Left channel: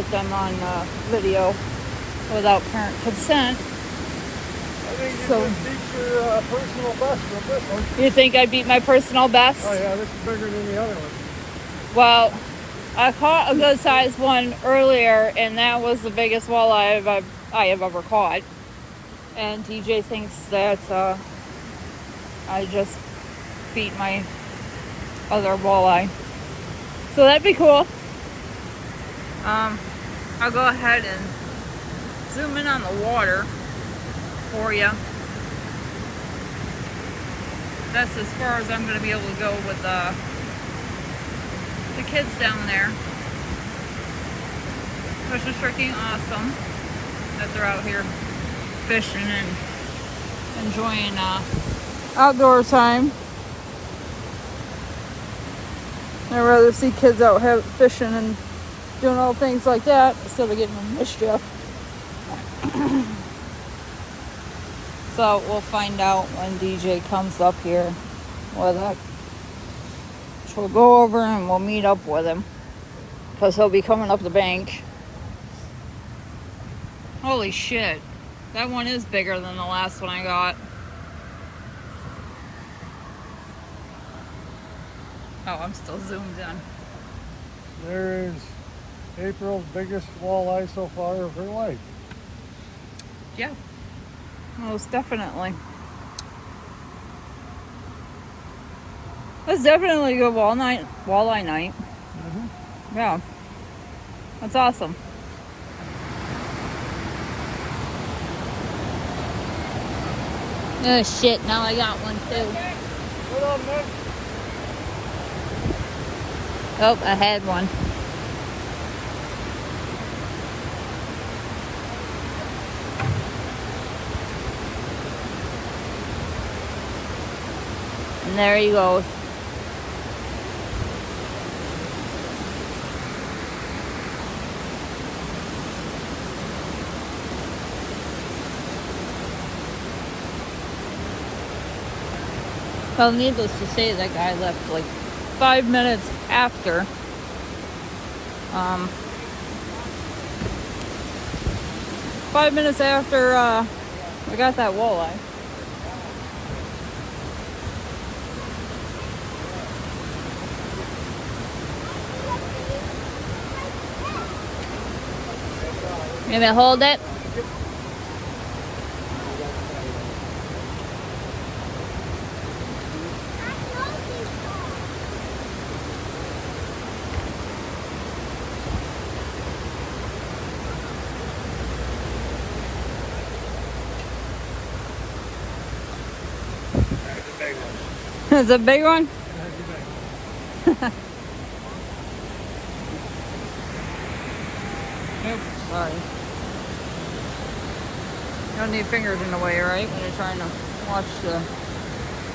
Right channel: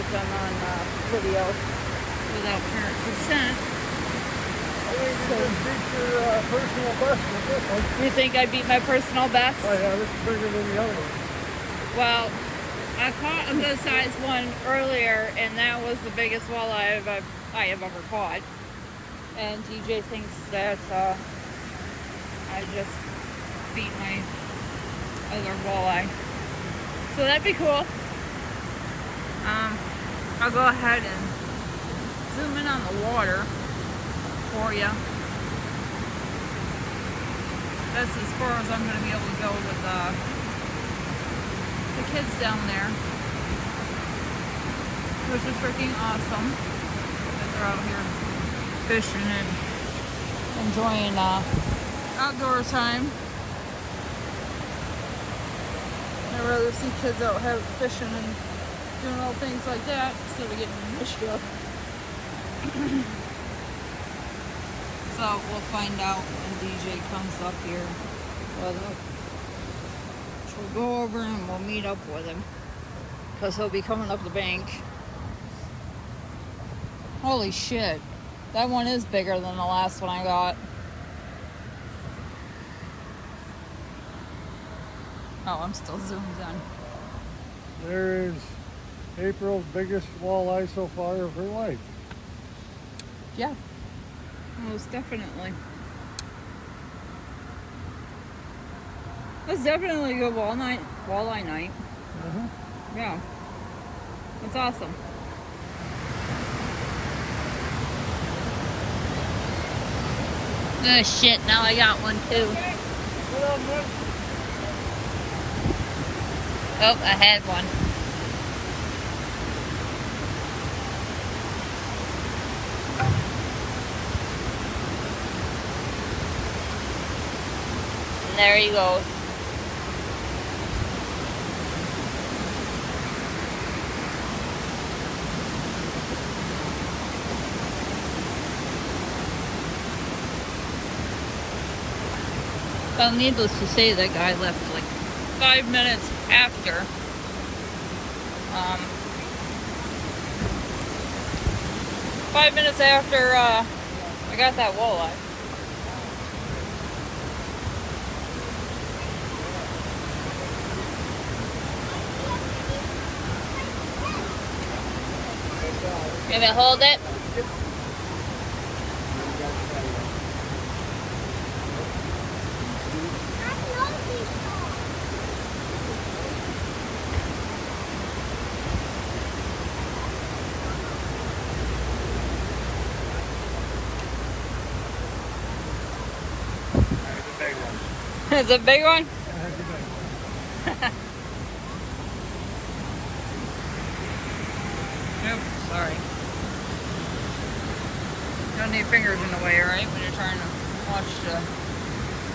get them on video without parent consent. So, personal best with this one. you think I beat my personal best? Oh yeah, this is bigger than the other one. Well, I caught a good sized one earlier, and that was the biggest walleye I have ever caught. And DJ thinks that I just beat my other walleye. So that'd be cool. I'll go ahead and zoom in on the water for you. That's as far as I'm going to be able to go with the kids down there. Which is freaking awesome that they're out here fishing and enjoying outdoor time. I'd rather see kids out fishing and doing all things like that instead of getting in mischief. So we'll find out when DJ comes up here with it. So we'll go over and we'll meet up with him because he'll be coming up the bank. Holy shit. That one is bigger than the last one I got. Oh, I'm still zoomed in. There is April's biggest walleye so far of her life. Yeah, most definitely. It's definitely a good walleye night. Mm-hmm. Yeah, that's awesome. Oh shit, now I got one too. Oh, I had one. And there he goes. Well, needless to say, that guy left like 5 minutes after. 5 minutes after I got that walleye. You gonna hold it? It's a big one? That's a big one. Oops, sorry. You don't need fingers in the way, right? When you're trying to watch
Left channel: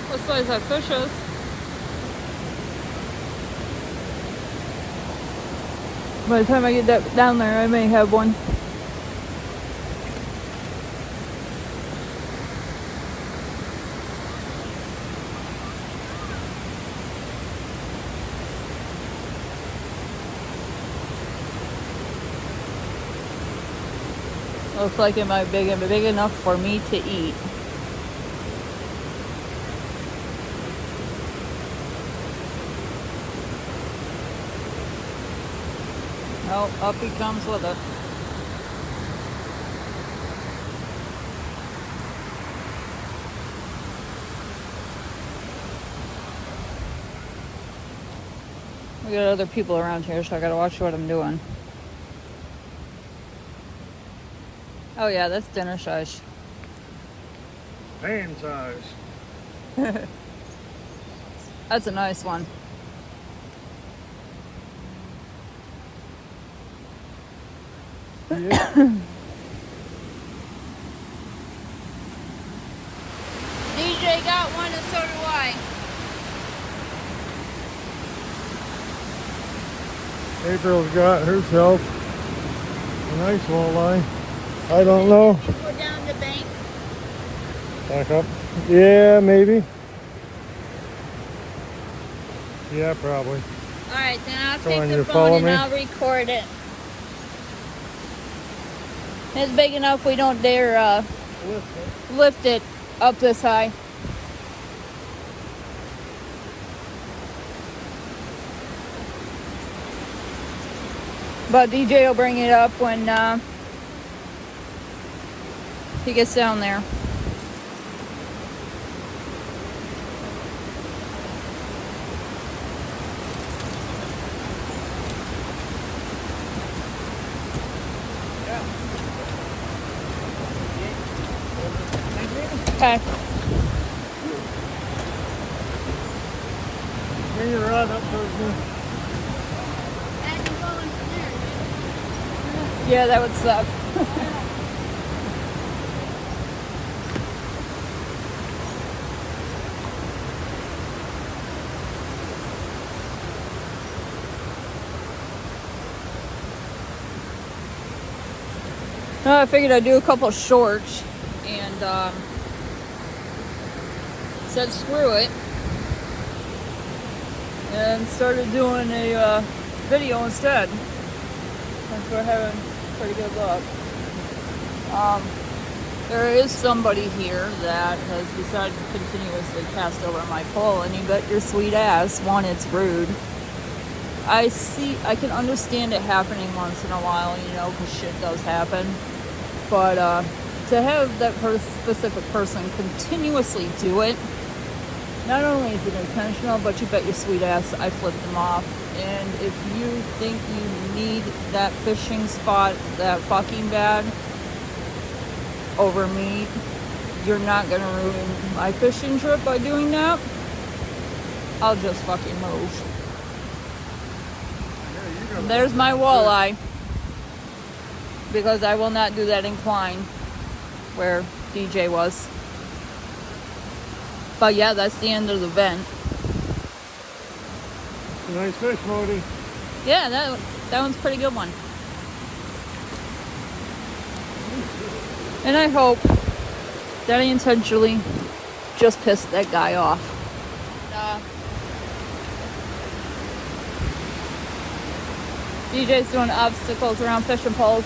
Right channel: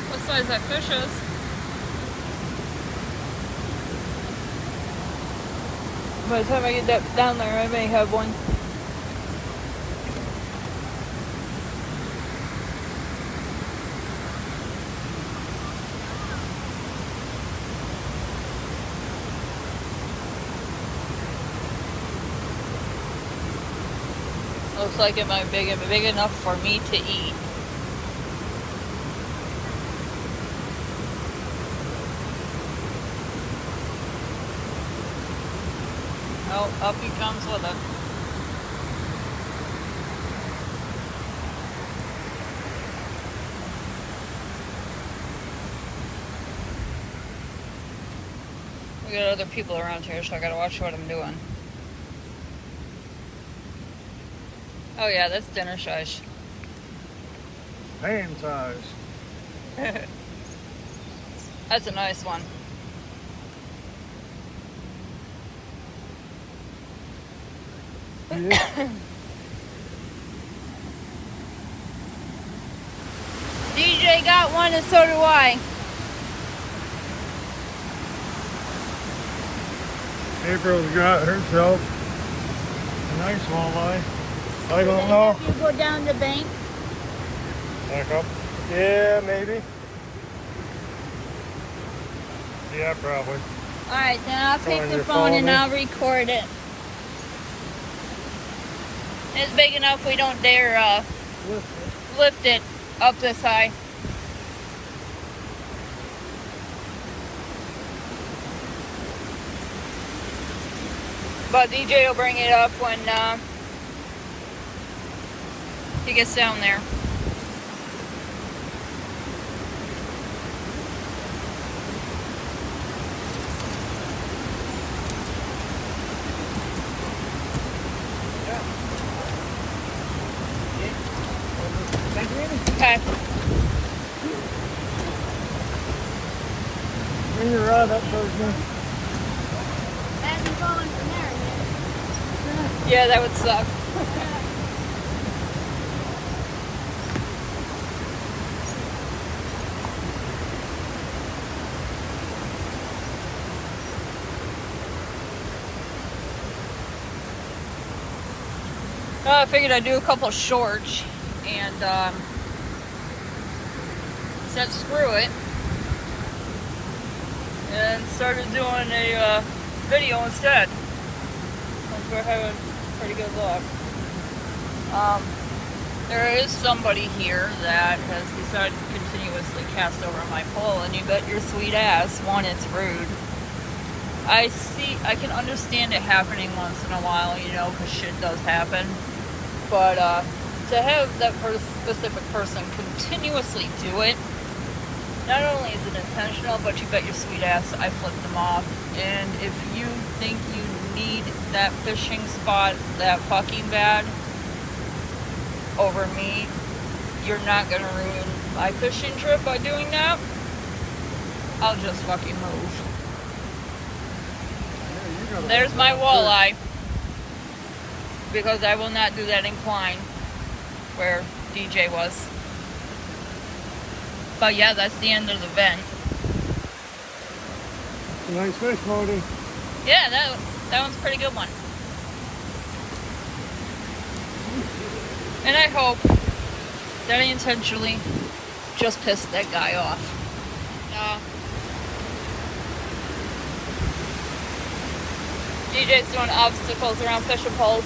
what size that fish is. By the time I get that down there, I may have one. Looks like it might be big enough for me to eat. Oh, up he comes with it. We got other people around here, so I gotta watch what I'm doing. Oh yeah, that's dinner size. Pan size. That's a nice one. Yeah. DJ got one and so do I. April's got herself a nice walleye. I don't know. You go down the bank. Back up. Yeah, maybe. Yeah, probably. Alright, then I'll Come take on, the you phone follow and me? I'll record it. It's big enough we don't dare Lift it. lift it up this high. But DJ will bring it up when he gets down there. Okay. Bring your rod up towards me. Yeah, that would suck. Well, I figured I'd do a couple of shorts and said screw it and started doing a video instead. We're having pretty good luck. There is somebody here that has decided to continuously cast over my pole, and you got your sweet ass. One, it's rude. I can understand it happening once in a while, you know, because shit does happen. But to have that specific person continuously do it, not only is it intentional, but you bet your sweet ass I flipped them off. And if you think you need that fishing spot that fucking bad over me, you're not gonna ruin my fishing trip by doing that. I'll just fucking move. There's my walleye. Because I will not do that incline where DJ was. But yeah, that's the end of the vent. It's a nice fish, Modi. Yeah, that one's a pretty good one. And I hope that I intentionally just pissed that guy off. DJ's doing obstacles around fishing poles.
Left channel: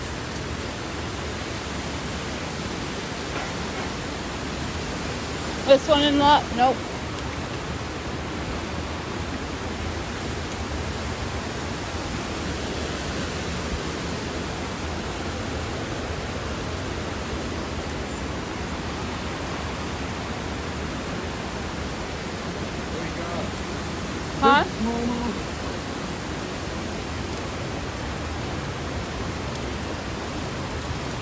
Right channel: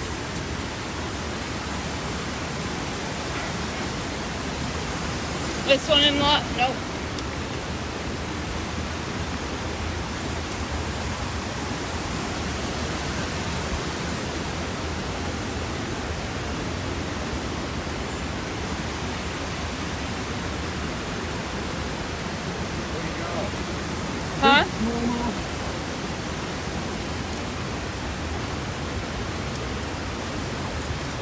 This one in lot? Nope. Huh?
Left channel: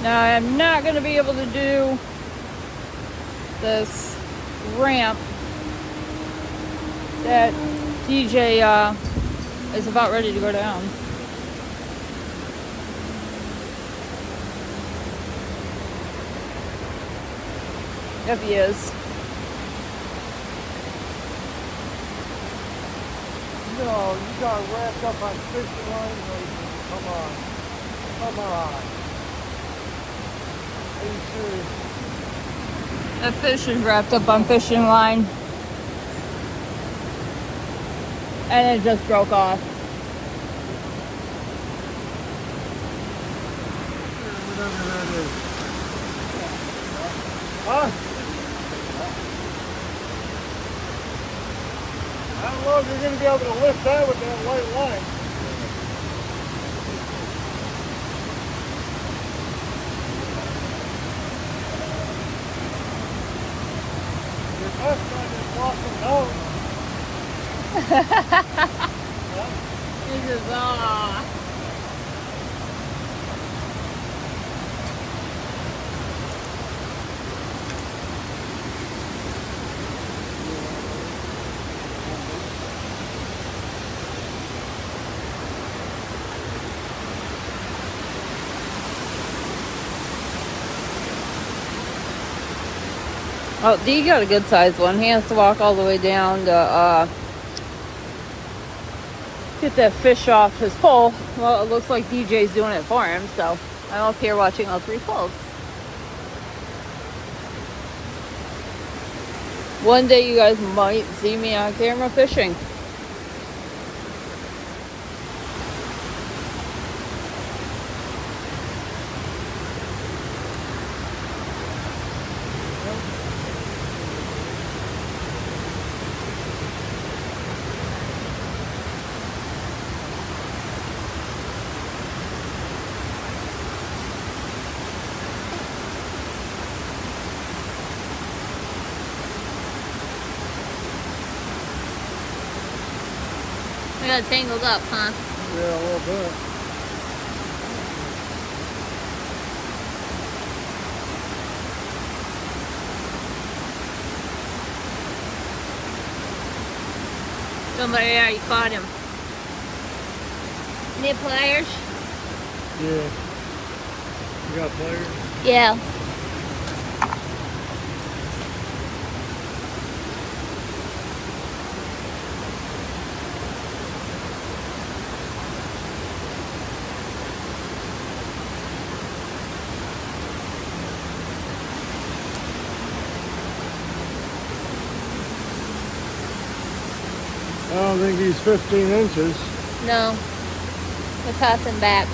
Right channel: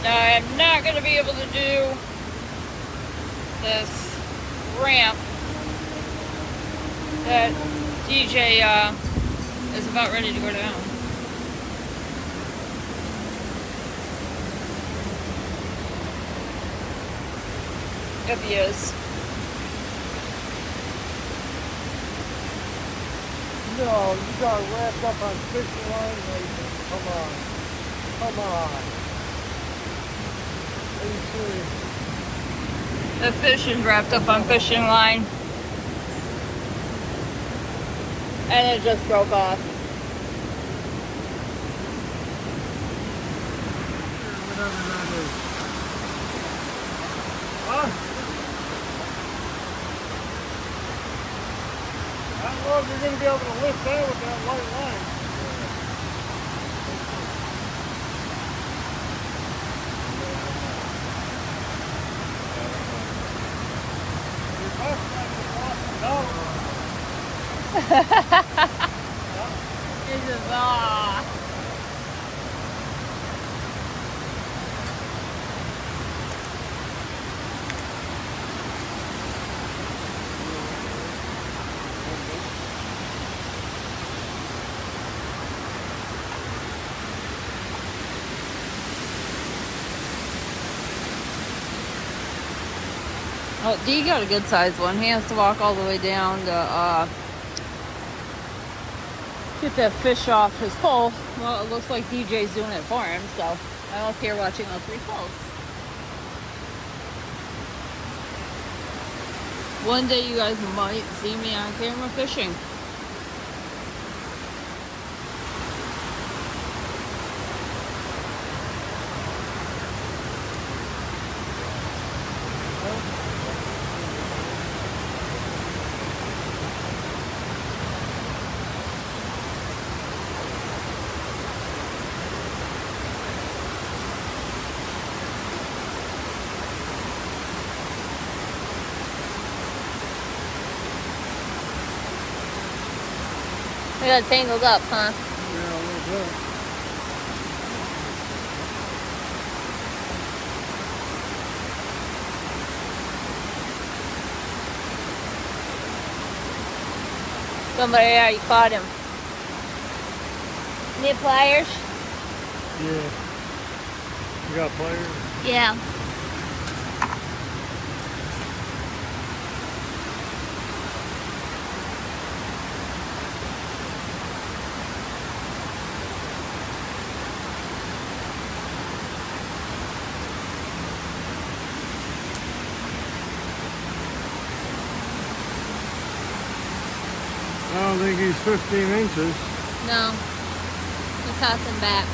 Now I'm not going to be able to do this ramp that DJ is about ready to go down. If he is. No, you got wrapped up on fishing line racing. Come on. Come on. The fish is wrapped up on fishing line. And it just broke off. Whatever that is. Huh? I don't know if you're going to be able to lift that with that white line. Your left line is walking out. He says, ah. Oh, D got a good sized one. He has to walk all the way down to get that fish off his pole. Well, it looks like DJ's doing it for him, so I'm up here watching all three poles. One day you guys might see me on camera fishing. We got tangled up, huh? Yeah, a little bit. Somebody already caught him. Need pliers? Yeah. You got pliers? Yeah. I don't think he's 15 inches. No. We'll toss him back.